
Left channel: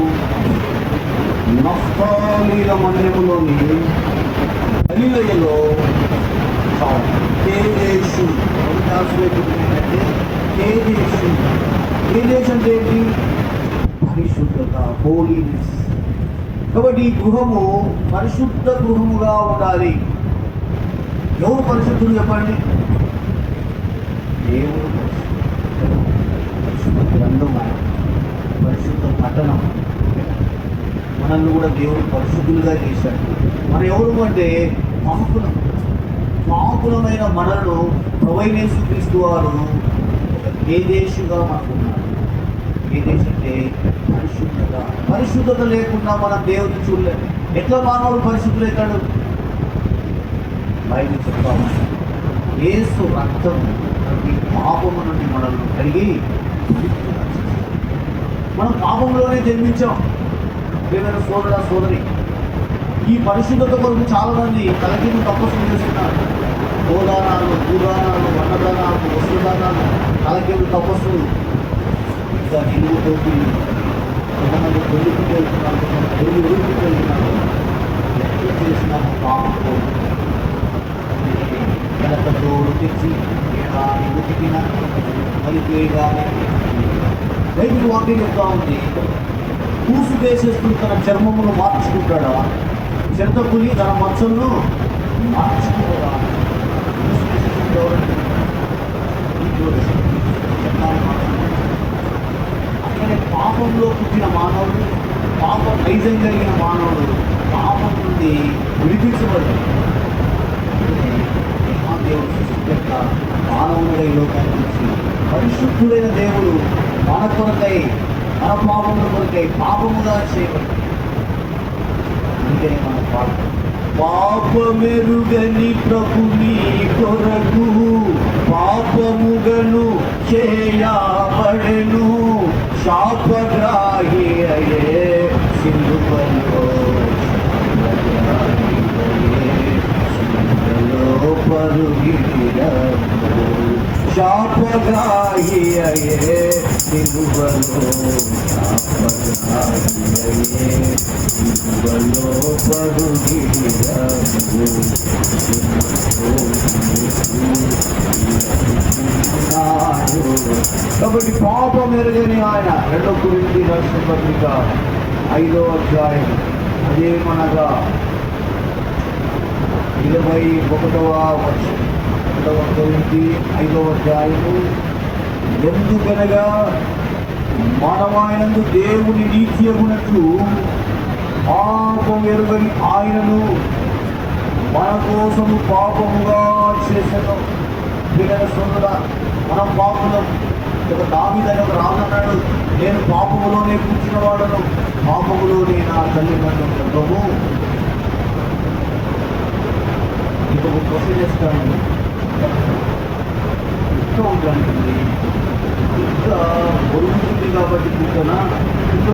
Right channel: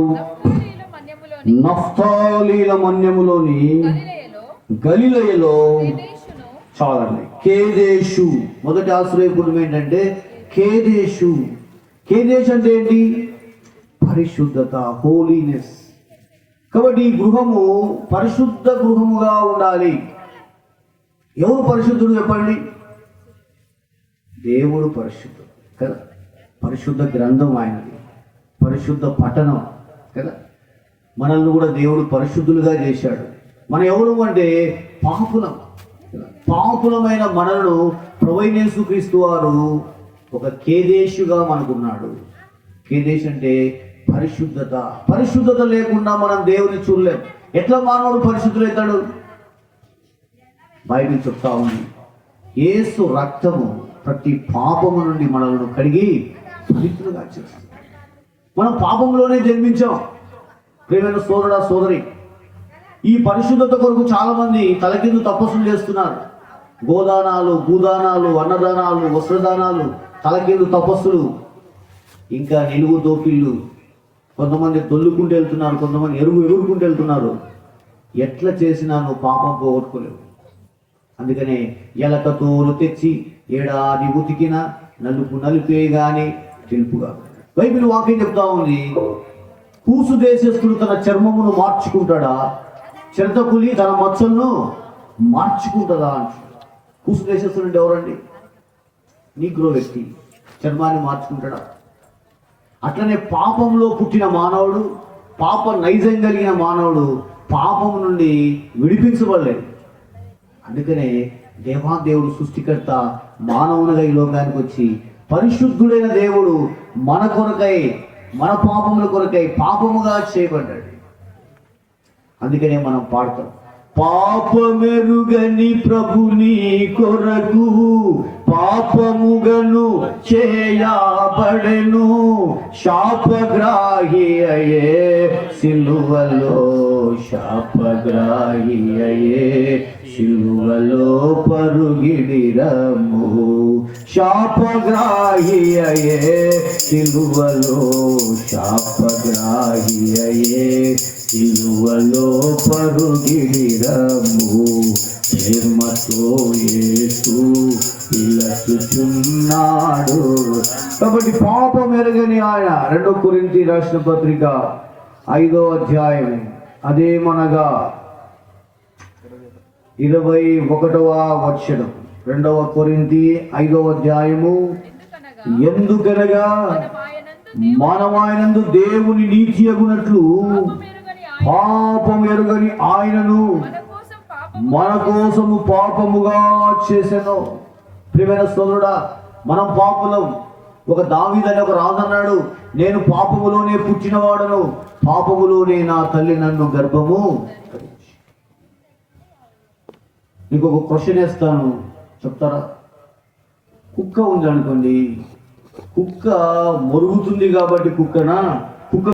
నఫ్తాలీల మన్యములోని గలిలయలో కేదేశు. మొదటి ఆశ్రయపురం ఏంటంటే కేదేశు. కేదేశ్ అంటే ఏంటి? పరిశుద్ధత, హోలీనెస్. కాబట్టి ఈ గృహము పరిశుద్ధ గృహముగా ఉండాలి. ఎవరు పరిశుద్ధులు చెప్పండి? దేవుడు పరిశుద్ధుడు. పరిశుద్ధ గ్రంథం ఆయన, పరిశుద్ధ పట్టణం. మనల్ని కూడా దేవుడు పరిశుద్ధులుగా చేశాడు. మనం ఎవరు అంటే పాపులమైన మనలను ప్రభువైన యేసుక్రీస్తు వారు ఒక కేదేశుగా మనకున్నాడు. కేదేశ్ అంటే పరిశుద్ధత. పరిశుద్ధత లేకుండా మనం దేవుని చూడలేము. ఎట్లా మానవుడు పరిశుద్ధులవుతాడు? బైబిల్ చెప్తా ఉంది, యేసు రక్తము ప్రతి పాపము నుండి మనల్ని కడిగి పవిత్రులుగా చేస్తుంది. మనం పాపంలోనే జన్మించాం. ప్రియమైన సోదర సోదరి, ఈ పరిశుద్ధత కొరకు చాలామంది తలకింద తపస్సులు చేస్తున్నారు. గోదానాలు, భూదానాలు, అన్నదానాలు, వస్త్రదానాలు, తలకిందు తపస్సులు, ఇంకా నిలువు టోపీలు. కొంతమంది కొల్లుకుంటూ వెళ్తున్నారు, కొంతమంది ఎదురుకుంటూ వెళ్తున్నారు. ఎట్లా చేసినామో పాపంతో. అందుకని ఎలకతోలు తెచ్చి ఏడాది ఉతికిన నలిపేగానే ఉతికిన. బైబిల్ వాక్యం చెప్తా ఉంది, కూసు దేశస్తులు తన చర్మమును మార్చుకుంటాడా? చెరతపులి తన మచ్చలను మార్చుకుంటాడా? కూసు దేశస్తులు ఎవరంటే ఈ గ్రోవేస్తుంది, చర్మాన్ని మార్చుకుంటాడా? అట్లనే పాపంలో పుట్టిన మానవుడు, పాప నైజం కలిగిన మానవుడు పాపం నుండి విడిపించబడ్డాడు. అందుకనే దేవాదేవుడు సృష్టికర్త మానవునిగా ఈ లోకానికి వచ్చి పరిశుద్ధుడైన దేవుడు మన కొరకై, మన పాపముల కొరకై పాపముగా చేయబడ్డాడు. అందుకనే మనం పాడతాం, పాపమెరుగని ప్రభు మీ కొరకు పాపముగను చేయబడెను, శాపగ్రాహి అయ్యే సిలువలో, శాపగ్రాహి అయ్యే సిలువలో పరుగిడిరము, శాపగ్రాహి అయ్యే సిలువలో, శాపగ్రాహి అయ్యే సిలువలో పరుగిడిరము, కాబట్టి పాపం ఎరగని ఆయన 2 కొరింథీ రాసిన పత్రిక 5వ అధ్యాయం అదేమనగా 21వ వచనం. 2వ కొరింథీ 5వ అధ్యాయము, ఎందుకనగా మానవాయనందు దేవుని నీతి అగునట్లు పాపం ఎరుగని ఆయనను మన కోసము పాపముగా చేశాను. ప్రియమైన సోదరుడా, మనం పాపులం. ఒక దావీదని ఒక రాజు అన్నాడు, నేను పాపములోనే పుట్టినవాడను, పాపములోనే నా తల్లి నన్ను గర్భము. ఇంకొక క్వశ్చన్ వేస్తాను, చెప్తారా? కుక్క ఉందనుకోండి, కుక్క మొరుగుతుంది కాబట్టి కుక్కనా